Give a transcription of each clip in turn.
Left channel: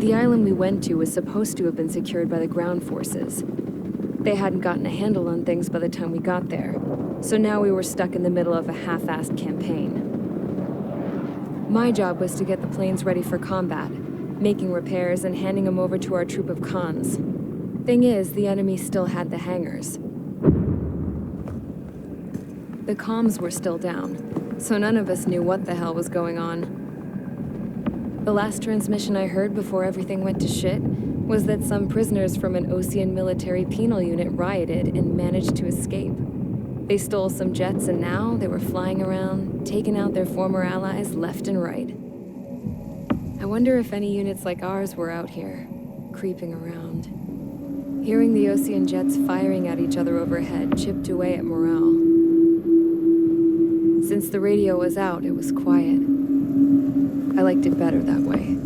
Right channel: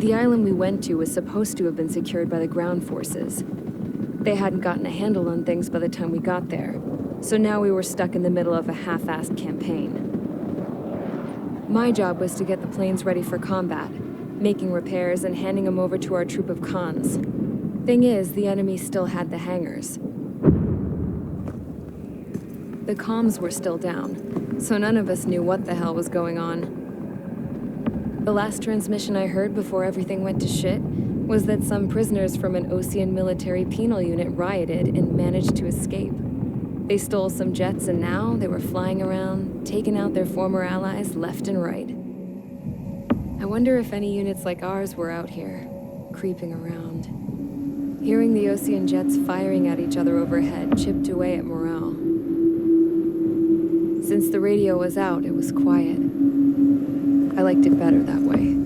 The island we went to was supposed to have been secured by the ground forces. They hadn't gotten a handle on things by the time we got there, so now we were stuck in the middle of a half-assed campaign. My job was to get the planes ready for combat, making repairs and handing them over to our troop of cons. Thing is, the enemy still had the hangars. The comms were still down, so none of us knew what the hell was going on. The last transmission I heard before everything went to shit was that some prisoners from an Osean military penal unit rioted and managed to escape. They stole some jets and now they were flying around, taking out their former allies left and right. I wonder if any units like ours were out here, creeping around. Hearing the Osean jets firing at each other overhead chipped away at morale. Since the radio was out, it was quiet. I liked it better that way.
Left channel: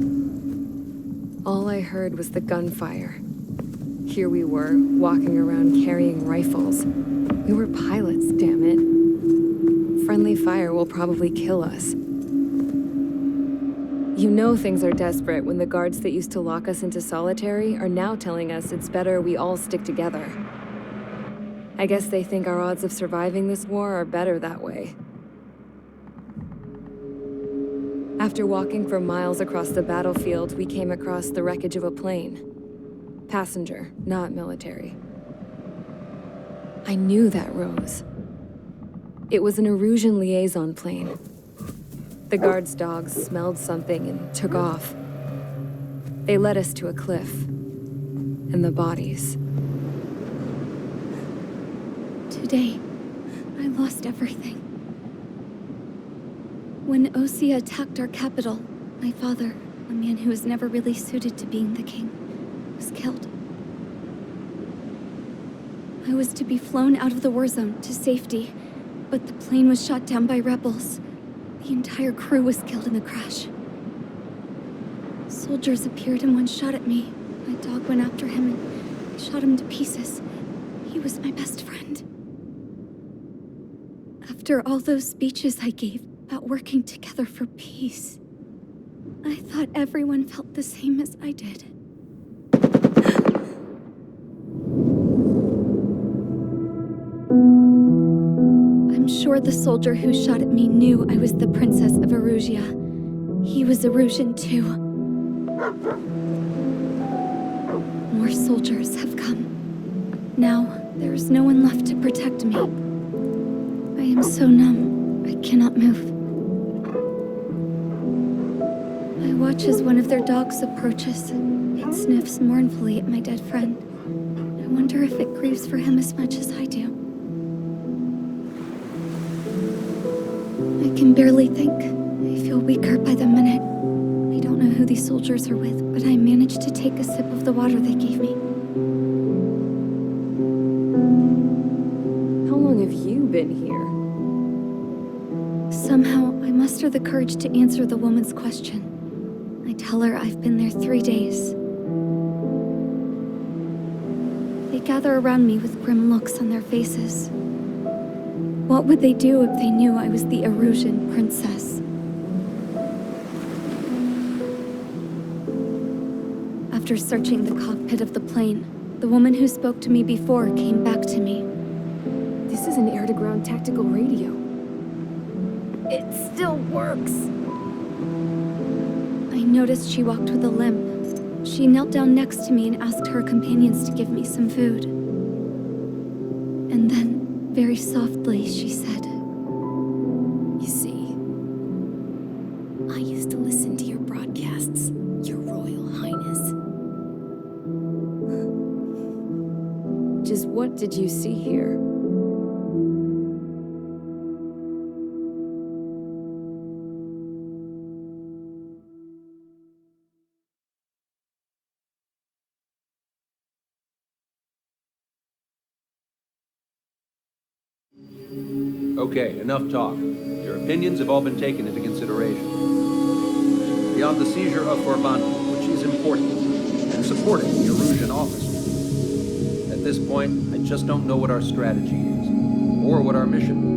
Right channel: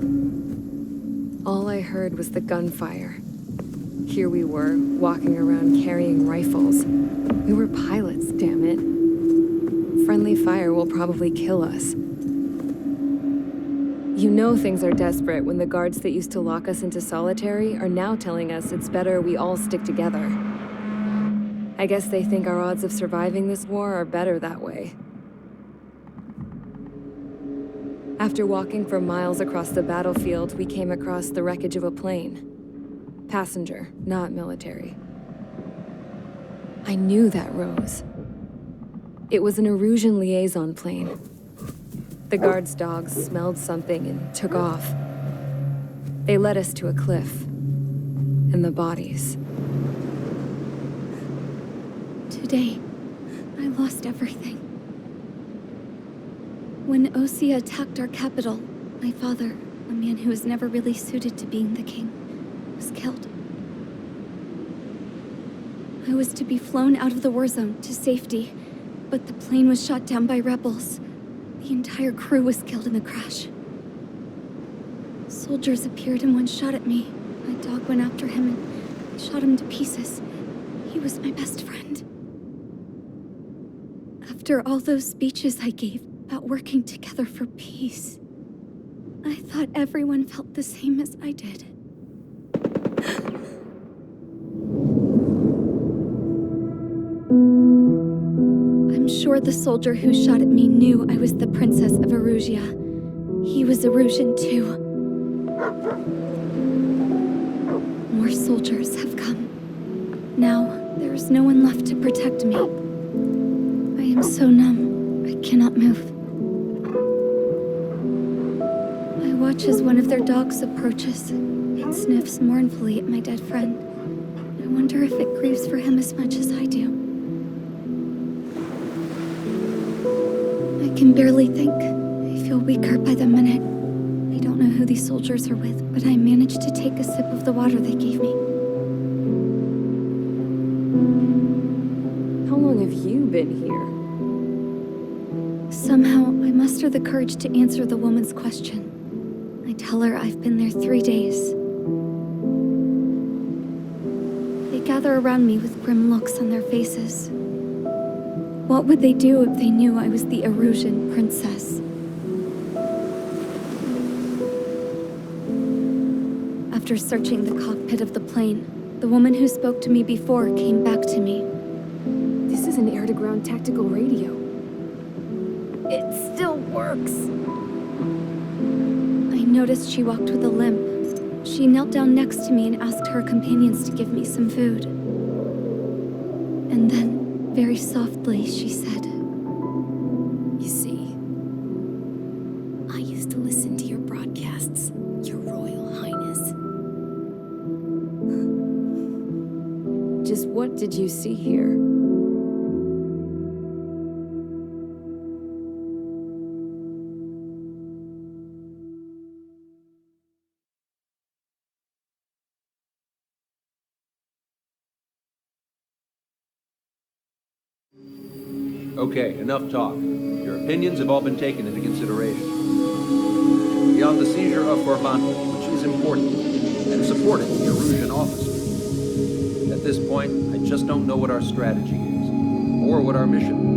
All I heard was the gunfire. Here we were, walking around carrying rifles. We were pilots, damn it. Friendly fire will probably kill us. You know things are desperate when the guards that used to lock us into solitary are now telling us it's better we all stick together. I guess they think our odds of surviving this war are better that way. After walking for miles across the battlefield, we came across the wreckage of a plane. Passenger, not military. I knew that rose. It was an Erusian liaison plane. The guards' dogs smelled something and took off. They led us to a cliff. And the bodies. Today, I lost everything. When Osea attacked our capital, my father, a man who was never really suited to being the king, was killed. I was to be flown out of the war zone to safety, but the plane was shot down by rebels. The entire crew was killed in the crash. Soldiers appeared and one shot at me. My dog went after him and shot him to pieces. He was my best friend. After all those speeches I gave about working together for peace, I thought everyone felt the same as I did. I'm sure the soldier who shot at me knew I was the princess of Erusia. He was Erusian too. More soldiers have come. Now, there is no one left to protect me. I am so numb, I cannot move. I watch as one of their dogs approaches. It sniffs mournfully at my dead friend. I wonder if it grieves for him as much as I do. I can barely think. I feel weaker by the minute. I don't know who these soldiers are with, but I managed to take a sip of the water they gave me. How long have you been here? Somehow, I muster the courage to answer the woman's question. I tell her I've been there 3 days. They gather around me with grim looks on their faces. What would they do if they knew I was the Erusian princess? After searching the cockpit of the plane, the woman who spoke to me before came back to me. This is an air-to-ground tactical radio. It still works. I noticed she walked with a limp. She knelt down next to me and asked her companions to give me some food. And then, very softly, she said, "You see, I used to listen to your broadcasts, Your Royal Highness." Just what did you see here? Okay, enough talk. Your opinions have all been taken into consideration. Beyond the seizure of Forbanti, which is important, and supporting the Erusian officer. At this point, I just don't know what our strategy is, or what our mission will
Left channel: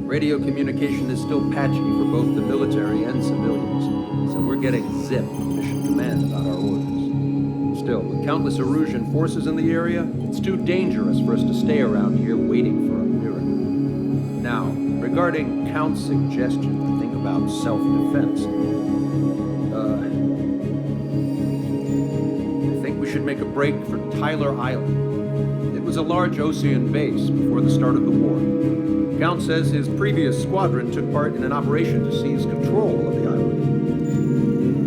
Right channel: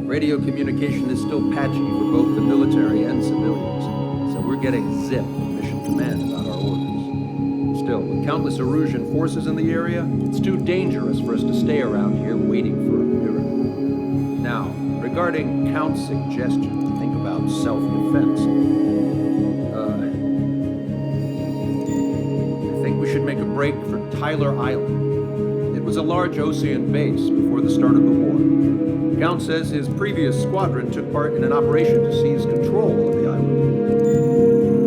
be. Radio communication is still patchy for both the military and civilians. that we're getting zip from Mission Command about our orders. Still, with countless Erusian forces in the area, it's too dangerous for us to stay around here waiting for a miracle. Now, regarding Count's suggestion to think about self-defense, I think we should make a break for Tyler Island. It was a large Osean base before the start of the war. Count says his previous squadron took part in an operation to seize control of the island.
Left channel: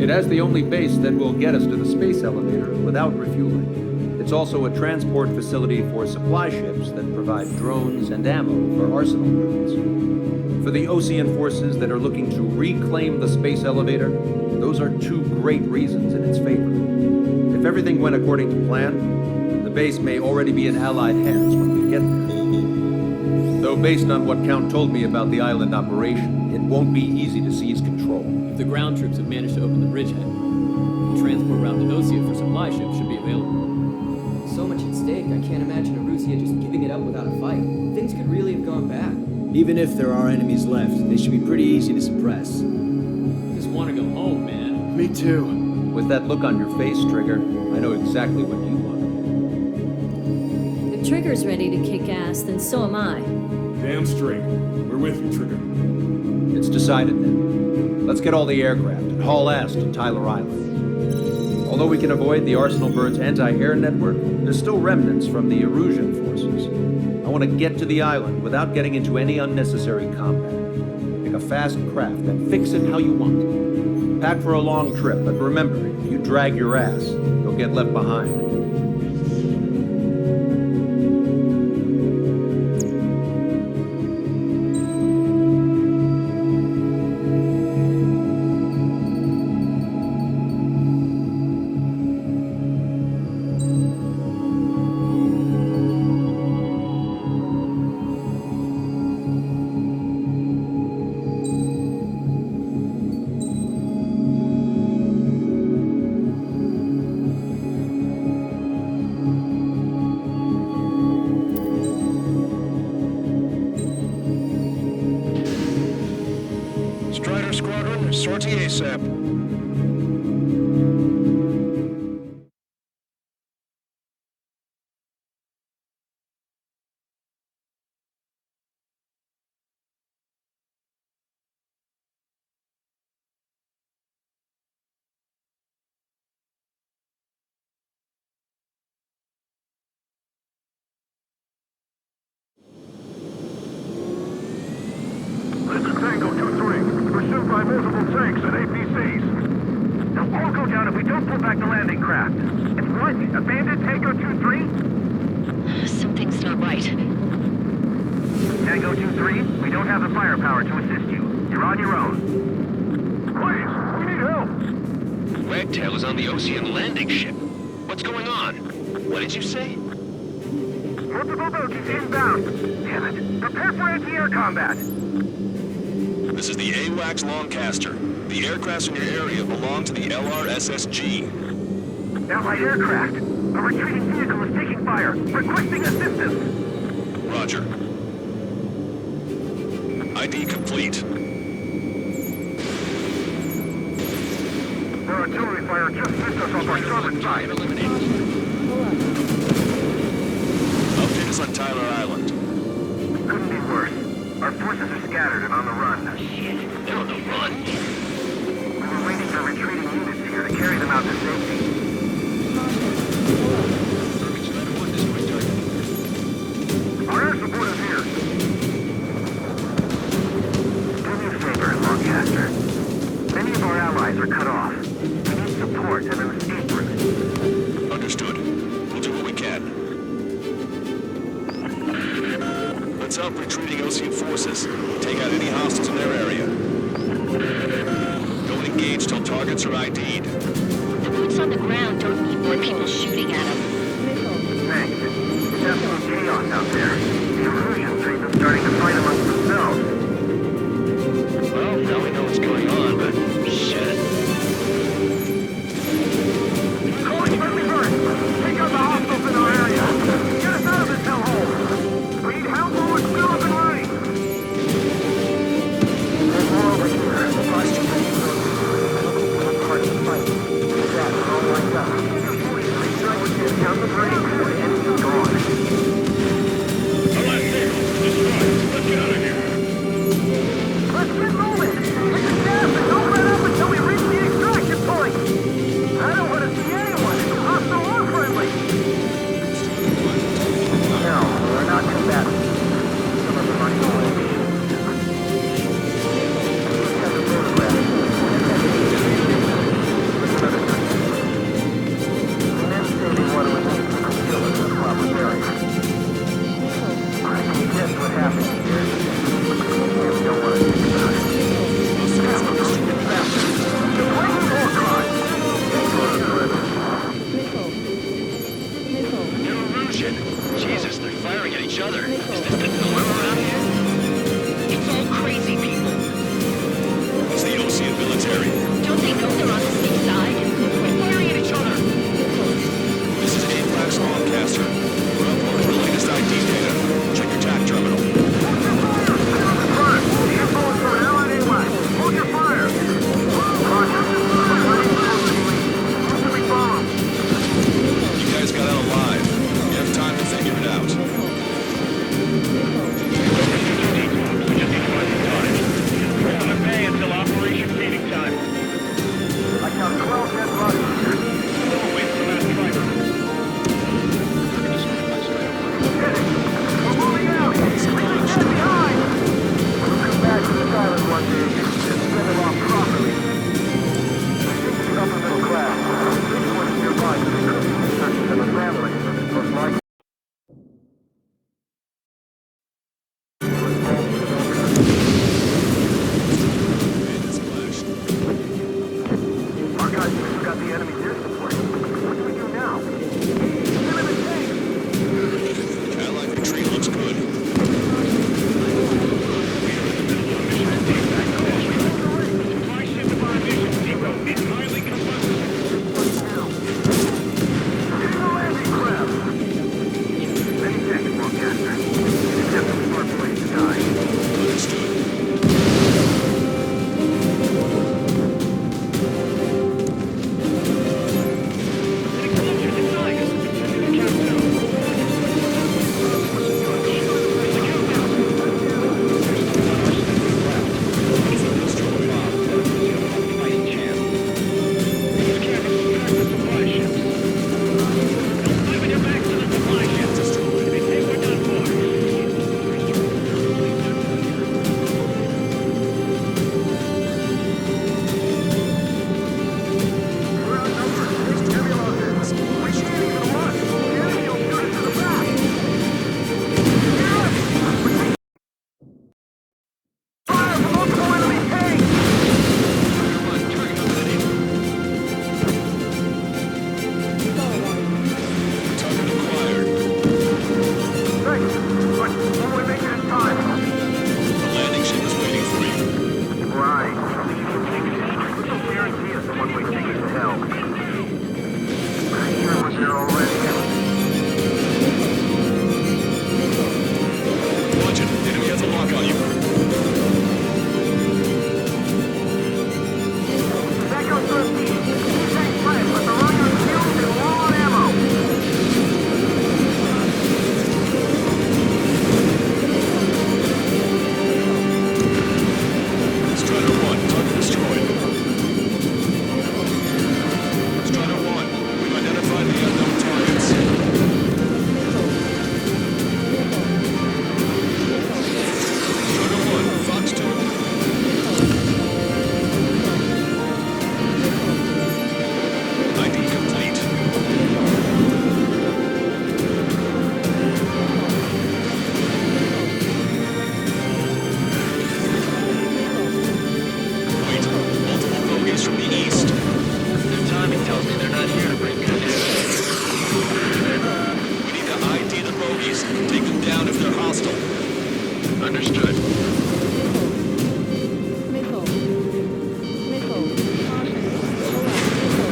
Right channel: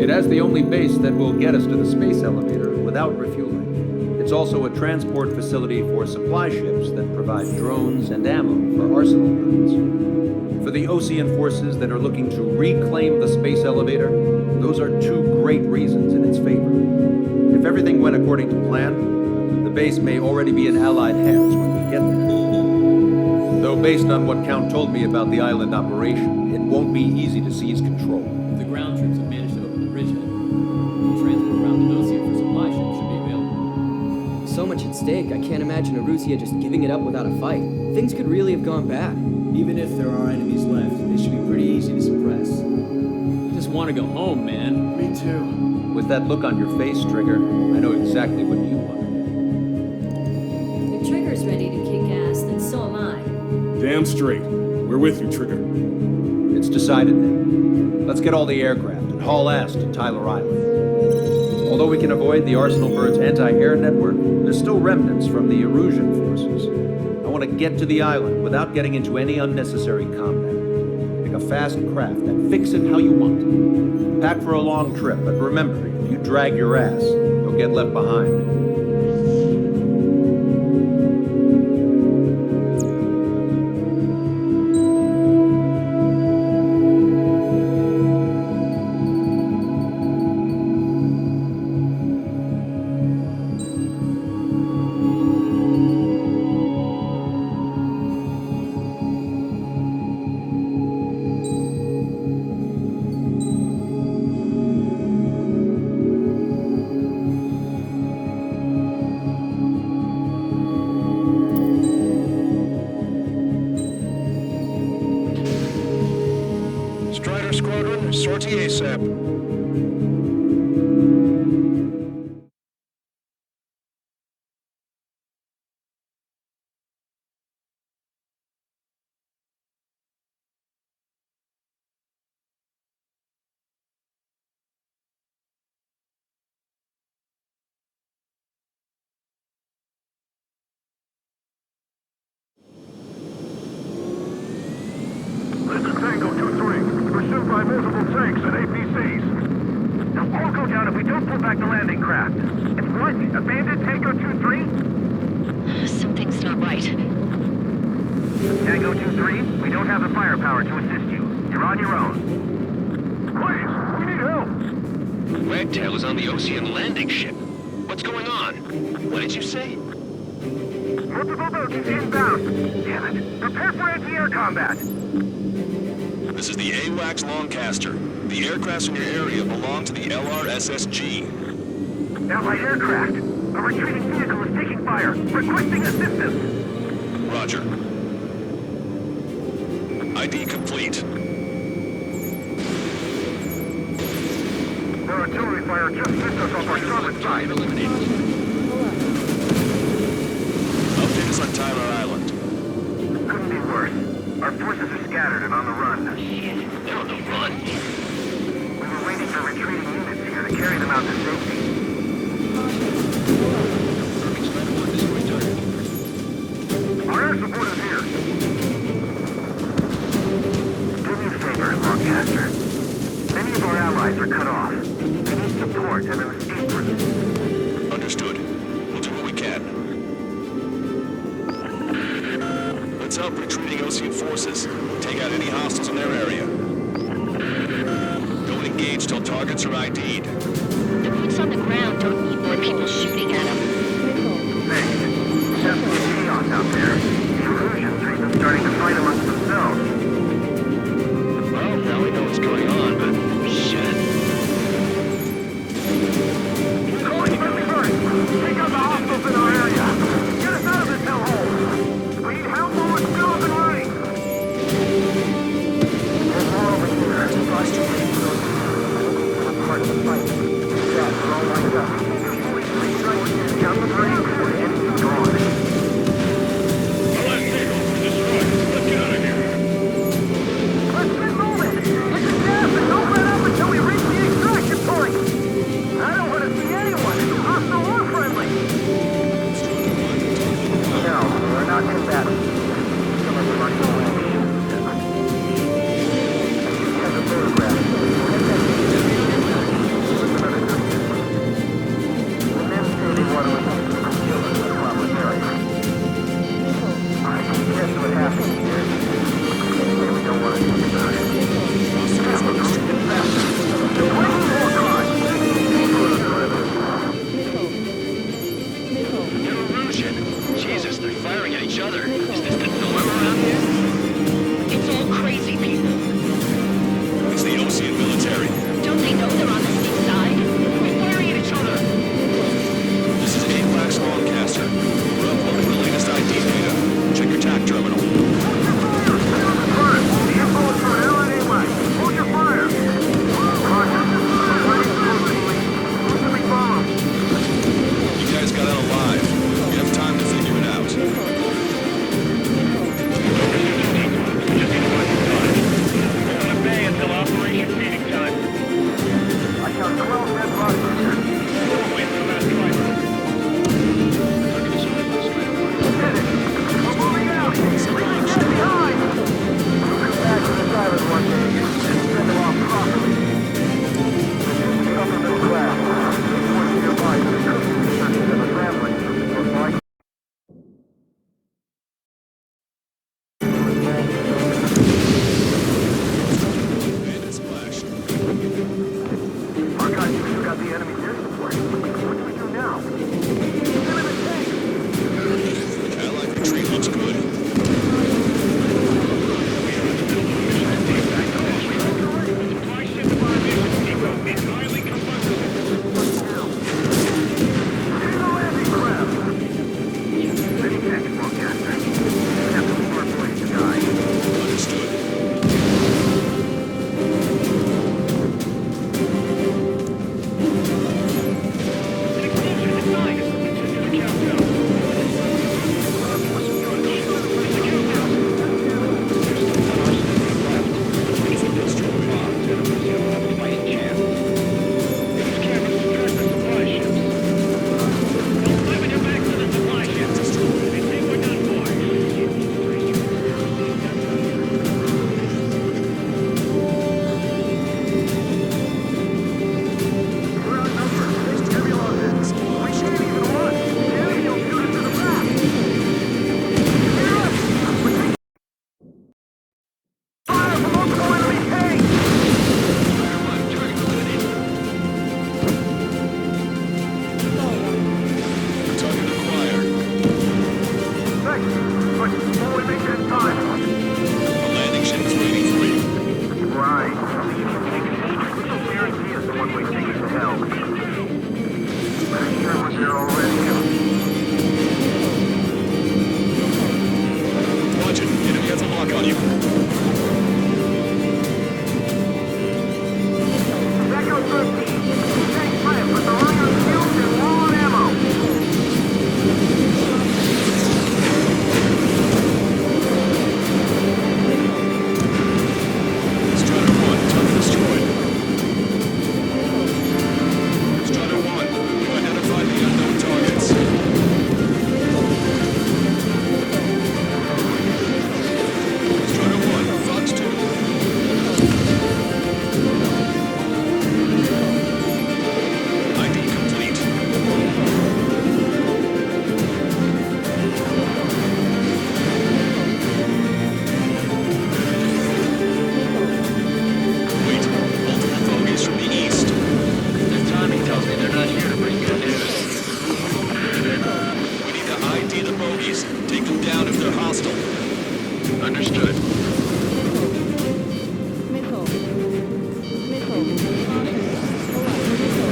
It has the only base that will get us to the space elevator without refueling. It's also a transport facility for supply ships that provide drones and ammo for arsenal birds. For the Osean forces that are looking to reclaim the space elevator, those are two great reasons in its favor. If everything went according to plan, the base may already be in Allied hands when we get there. Though based on what Count told me about the island operation, it won't be easy to seize control. If the ground troops have managed to open the bridgehead, the transport route to Osia for supply ships should be available. So much at stake, I can't imagine Erusia just giving it up without a fight. Things could really have gone bad. Even if there are enemies left, they should be pretty easy to suppress. I just want to go home, man. Me too. With that look on your face, Trigger, I know exactly what you want. If Trigger's ready to kick ass, then so am I. Damn straight. We're with you, Trigger. It's decided then. Let's get all the aircraft and haul ass to Tyler Island. Although we can avoid the Arsenal Bird's anti-air network, there's still remnants from the Erusian forces. I want to get to the island without getting into any unnecessary combat. Pick a fast craft and fix it how you want. Pack for a long trip, but remember, if you drag your ass, you'll get left behind. Strider Squadron, sortie ASAP. This is Tango 2-3, pursued by multiple tanks and APCs. They'll all go down if we don't pull back the landing craft. It's what? Abandoned Tango 2-3? Something's not right. Tango 2-3, we don't have the firepower to assist you. You're on your own. Please, we need help. Wagtail is on the Osean landing ship. What's going on? What did you say? Multiple boats inbound. Damn it. Prepare for anti-air combat. This is the AWACS Longcaster. The aircrafts in your area belong to the LRSSG. Allied aircraft. A retreating vehicle is taking fire. Requesting assistance. Roger. ID complete. Their artillery fire just missed us off our starboard side. Update us on Tyler Island. Couldn't be worse. Our forces are scattered and on the run. Shit, they're on the run? We were waiting for retreating units here to carry them out to safety. Irving Strider 1 destroyed target. Our air support is here. Do me a favor, Longcaster. Many of our allies are cut off. We need support and an escape route. Understood. We'll do what we can. Let's help retreating Osean forces. Take out any hostiles in their area. Don't engage till targets are ID'd. The boots on the ground don't need more people shooting at them. Thanks. It's absolute chaos out there. The Erusians are even starting to fight amongst themselves. Well, now we know what's going on, but shit. Calling friendly birds. Take out the hostiles in our area. Get us out of this hellhole. We need help while we're still up and running. There's more over here. The frost is ready to go. battery. Some of them are got the photograph. What's another suspect? The men say they want to remove the killer in a proper area. I can guess what happened here. We don't want to think about it. Get faster. You're bringing more crime. New illusion. Jesus, they're firing at each other. Is this the norm around here? It's all crazy people. It's the Ocean military. Don't they know they're on the same side? They're firing at each other. This is AWACS Longcaster. We're uploading the latest ID data. Check your TAC terminal. Hold your fire! Roger. Who can we follow? You guys got out alive. You have time to figure it out. We're on a bay until operation feeding time. I count 12 dead bodies. We'll wait for the last driver. We're moving out! Leave the dead behind! We'll come back to this island one day and send them off properly. They seem to be upper middle class. This one's nearby, so they could be researching them as family. Most likely. Our guys even took out the enemy's air support. What do we do now? Still in the tank! Allied retreat looks good. Supply ship to our mission depot is highly combustible. What now? Getting the landing craft! Many thanks, Longcaster. We didn't have to leave our place to die. Understood. An explosion inside us! Continue the countdown. The countdown! There's still one arsenal left. If it gets bombed, enemies have a fighting chance. These cameras will track the supply ships. Don't live in your back to the supply ships. They think we're done for. We're outnumbered. Taking heavy losses. We can't even run. The enemy will shoot us to the back. Hear us? Fire from multiple enemy tanks! Target acquired. Thanks, but will we make it in time? The landing ship is waiting for you. Right. This will guarantee us the one-way ticket to hell. Pretty sure we're there already. Watch it. Enemy has a lock on you. Echo 13. Tank left, but they're running on fumes and low on ammo. Strider 1, target destroyed. Strider 1, we've identified the unknown targets. Strider 1, Fox 2. ID complete. Wait, multiple bogies from the east. Their timing tells me they're not here to bring good news. We need to ID the bogies. Take them down if they're hostile. Understood.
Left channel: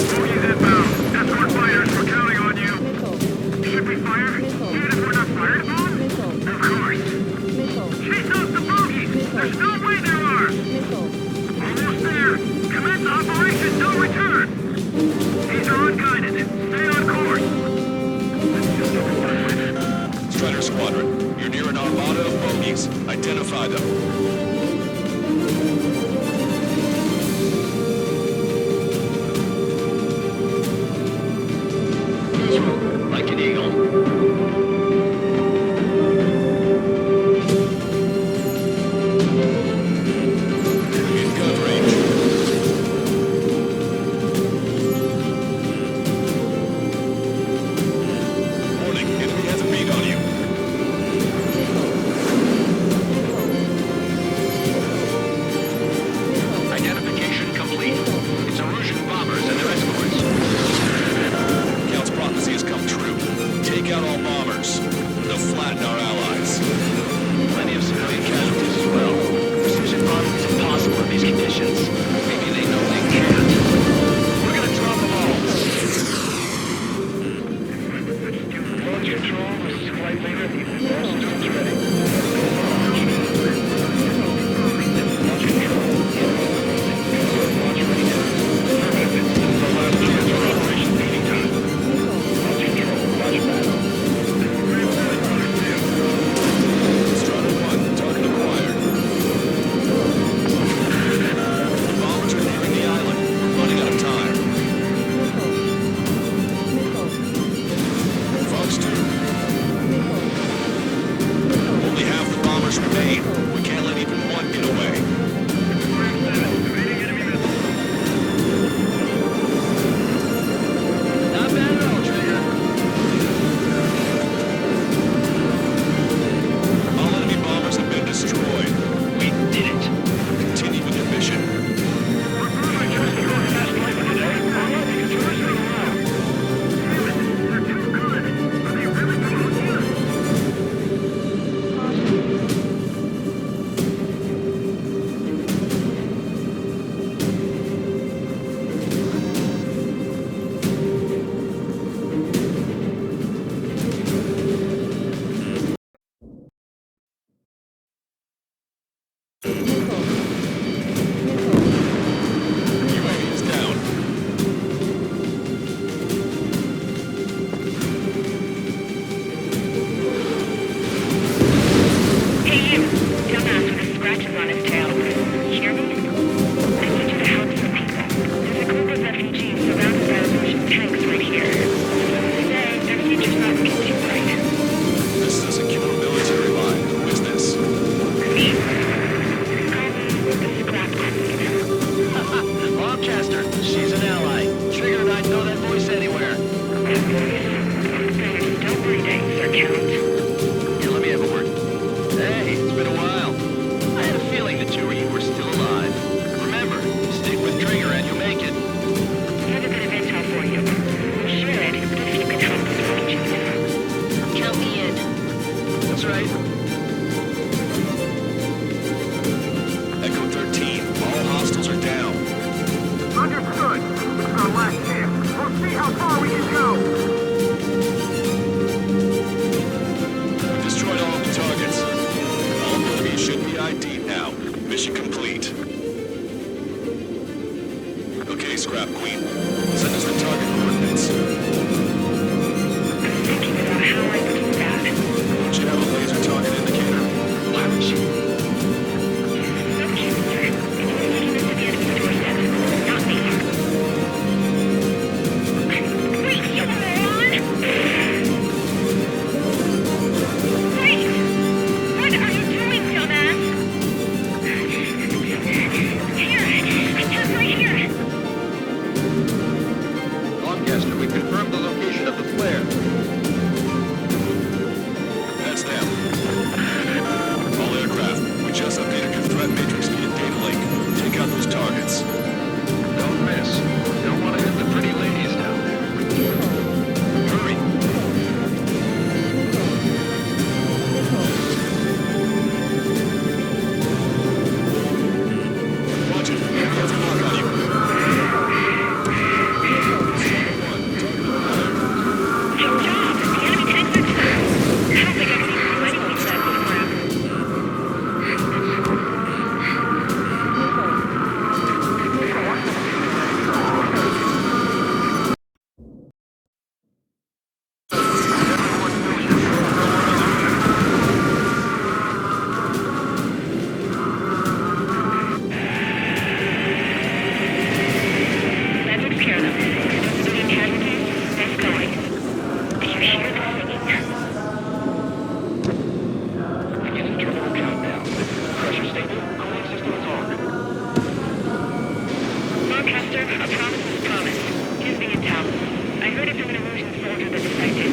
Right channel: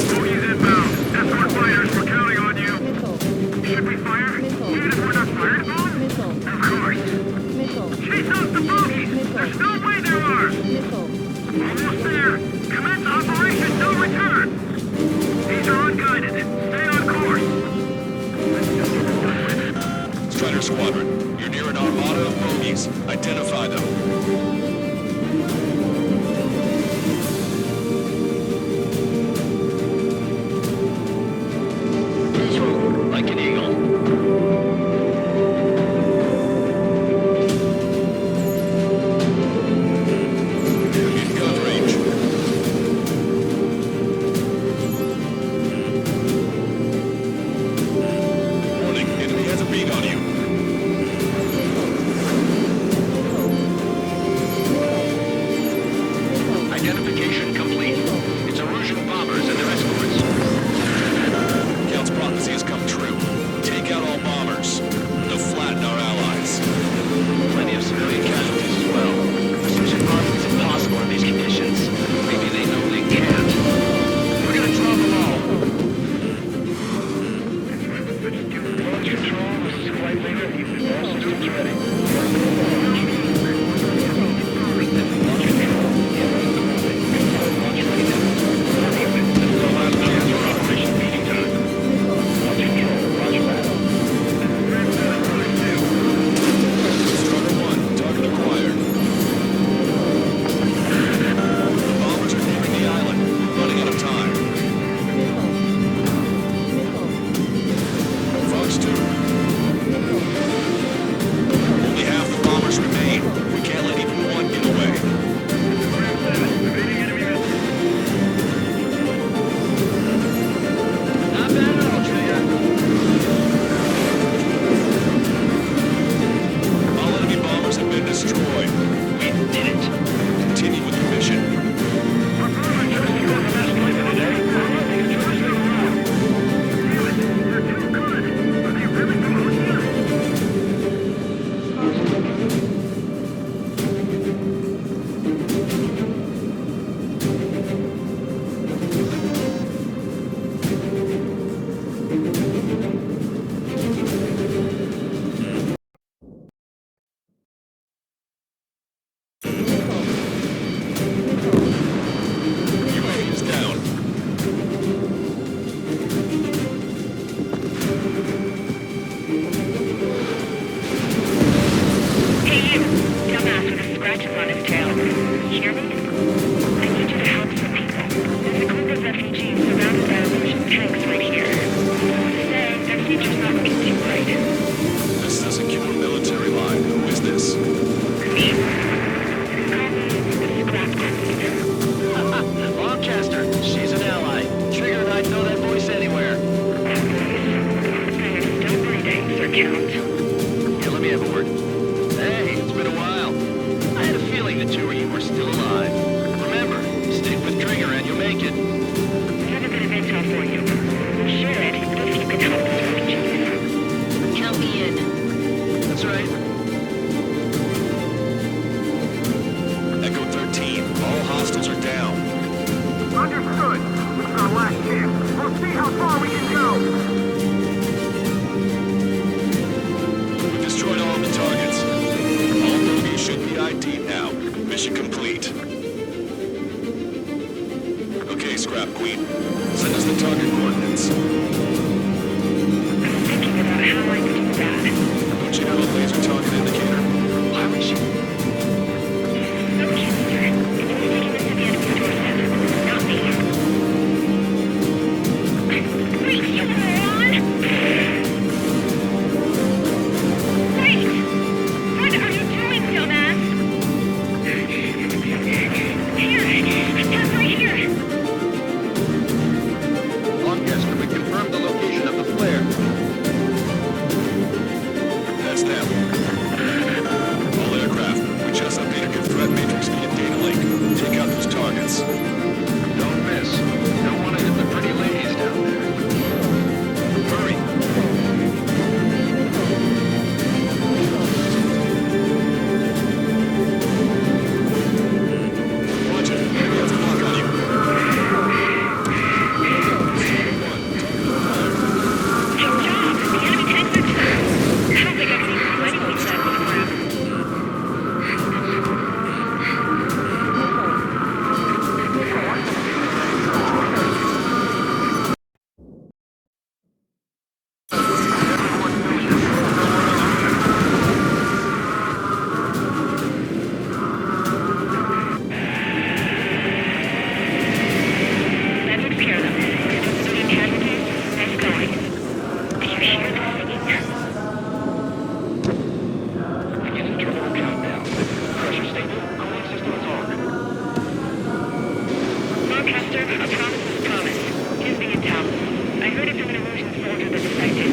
Bogies inbound. Escort fighters, we're counting on you. Should we fire? Even if we're not fired upon? Of course. Chase out the bogies! There's no way there are! Almost there. Commence Operation No Return. These are unguided. Stay on course. Strider Squadron, you're near an armada of bogies. Identify them. Visual, like an eagle. They'll flatten our allies. Plenty of civilian casualties as well. Precision bombing is impossible in these conditions. Maybe they know they can't. We're gonna drop them all. Launch control, this is flight leader. All systems ready. Go launch. Launch control. Enemies closing. Confirm launch readiness. Affirmative. This is our last chance for Operation Feeding Time. Launch control. Launch battle. Strider 1, target acquired. The bombers are nearing the island. We're running out of time. Fox 2. Only half the bombers remain. We can't let even one get away. Not bad at all, Trigger. All enemy bombers have been destroyed. We did it. Continue with your mission. We're probably just about the last flight for the day. All right, you can turn this thing around. Damn it, they're too good. Are they really from Oceania? UAV is down. Hey you, dumbass with the scratches on his tail. You hear me? I need you to help some people. There's a group of refugees surrounded by Illusion tanks right here. Say, their future's not looking too bright. This is a secure military line. Who is this? Me? Call me the Scrap Queen. Lancaster, she's an ally. Trigger and I'd know that voice anywhere. That voice. You're still breathing, Sir Count. Here, let me have a word. Hey, it's been a while. I had a feeling the two of you were still alive. Remember, stick with Trigger and you'll make it. I have a bit of intel for you. We'll share it if you can help us refugees. Count me in. That's right. Echo 13. All hostiles are down. Understood. This is our last chance. We'll see how far we can go. We've destroyed all the targets. All bogies should be ID'd now. Mission complete. Okay, Scrap Queen. Send us the target coordinates. I'm thinking about how I do that. Don't you have a laser target indicator? Why would you? Okay, mister. If you're taking this to the enemy's doorstep, not me. Wait, you moron! Wait! What are you doing, dumbass? Here! Attack right here! Lancaster, we confirmed the location of the flare. That's them. All aircraft, we just updated your threat matrix via data link. Take out those targets. Don't miss. We don't want to hit the pretty ladies down there. Hurry! Roger, enemy has a lock on you. Good job! The enemy tanks are too. I don't think I can even do anything to that program. That takes care of them. No civilian casualties. Nice going. Did you hear the singing? Beginning terminal countdown. Pressure stable. Cooling systems on. Lancaster, a promise is a promise. Here's the intel. I heard it from an illusion soldier that defected.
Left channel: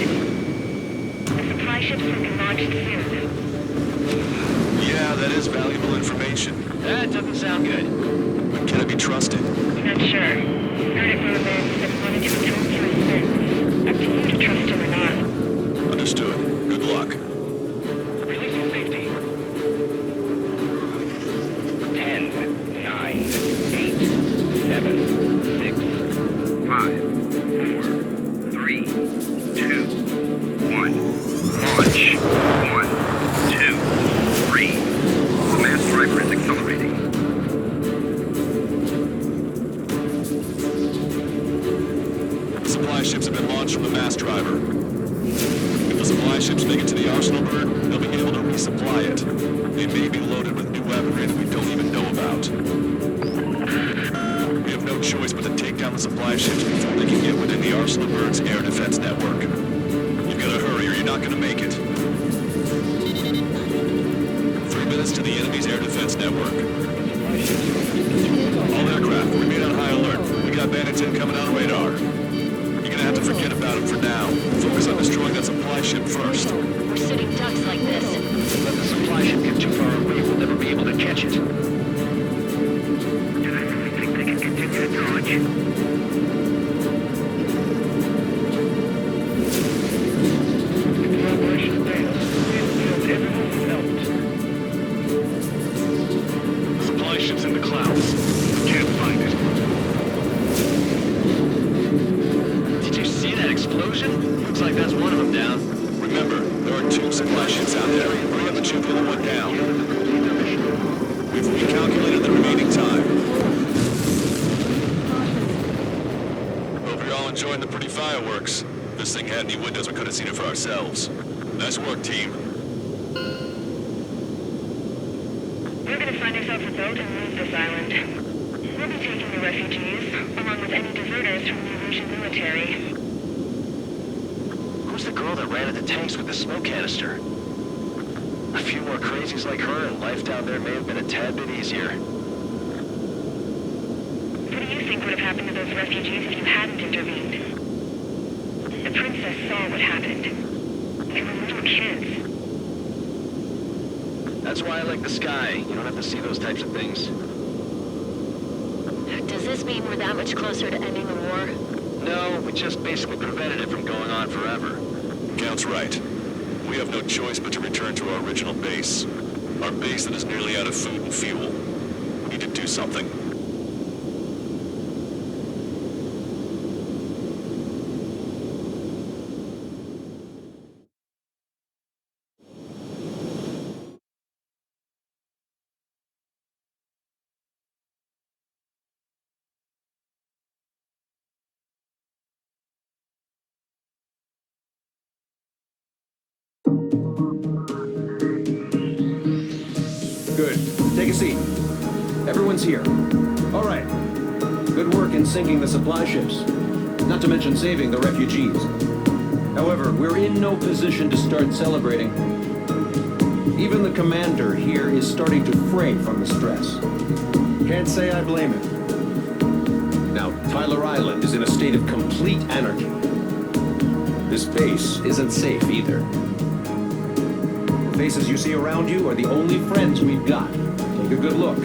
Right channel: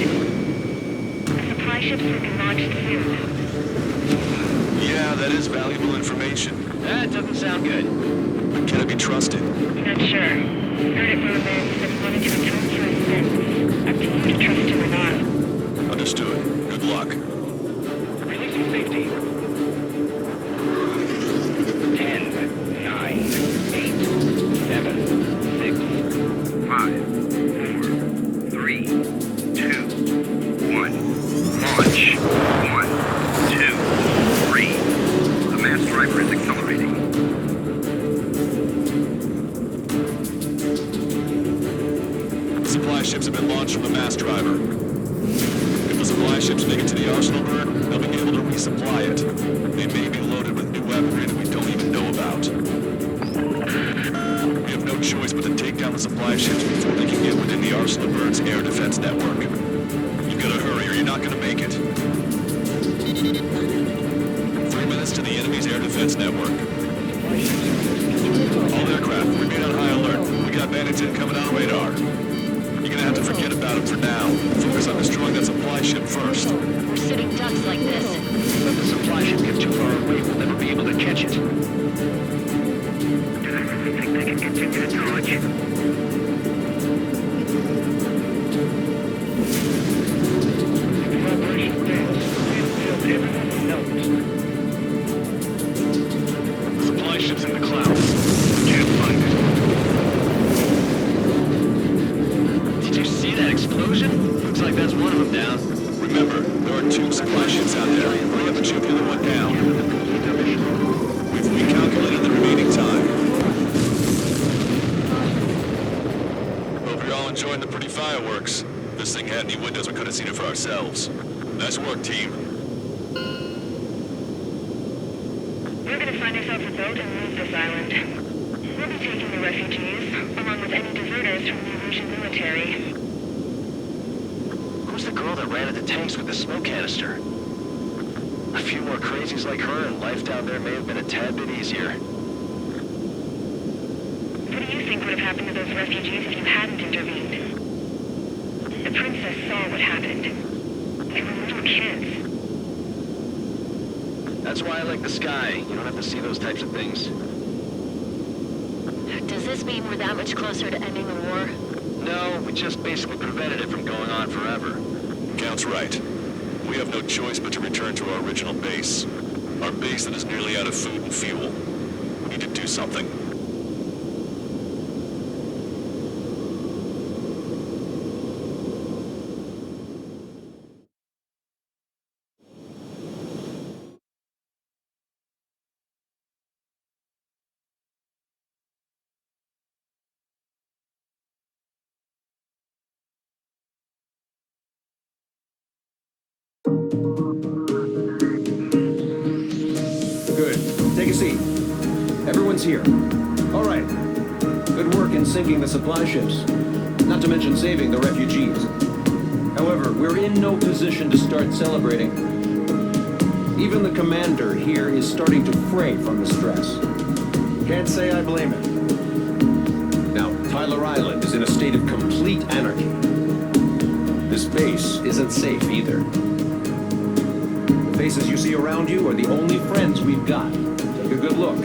The supply ships will be launched soon. Yeah, that is valuable information. That doesn't sound good. But can it be trusted? Not sure. Heard it from a man that wanted to atone for his sins. Up to you to trust him or not. Understood. Good luck. clock. Releasing safety. 10, 9, 8, 7, 6, 5, 4, 3, 2, 1. Launch. 1, 2, 3. The mass driver is accelerating. Supply ships have been launched from the mass driver. If the supply ships make it to the arsenal bird, they'll be able to resupply it. They may be loaded with new weaponry that we don't even know about. We have no choice but to take down the supply ships before they can get within the arsenal bird's air defense network. You've got to hurry or you're not going to make it. 3 minutes to the enemy's air defense network. All aircraft, remain on high alert. We got bandits incoming on radar. You're gonna have to forget about them for now. Focus on destroying that supply ship first. We're sitting ducks like this. Let the supply ship get too far away, we'll never be able to catch it. Do they really think they can continue to dodge? If the operation fails, everyone will melt. The supply ship's in the clouds. Can't find it. Did you see that explosion? Looks like that's one of them down. Remember, there are 2 supply ships out there. Hurry up and shoot the other one down. We've recalculated the remaining time. Hope you're all enjoying the pretty fireworks. If this thing had any windows, we could have seen it for ourselves. Nice work, team. We're gonna find ourselves a boat and leave this island. We'll be taking the refugees, along with any deserters from the Russian military. Who's the girl that ran at the tanks with the smoke canister? A few more crazies like her and life down there may have been a tad bit easier. What do you think would have happened to those refugees if you hadn't intervened? The princess saw what happened. They were little kids. That's why I like the sky. You don't have to see those types of things. Does this mean we're that much closer to ending the war? No, we just basically prevented it from going on forever. Count's right. We have no choice but to return to our original base. Our base that is nearly out of food and fuel. We need to do something. Good. Take a seat. Everyone's here. All right. Good work in sinking the supply ships. Not to mention saving the refugees. However, we're in no position to start celebrating. Even the commander here is starting to fray from the stress. Can't say I blame him. Now, Tyler Island is in a state of complete anarchy. This base isn't safe either. The faces you see around you are the only friends we've got. Take a good look.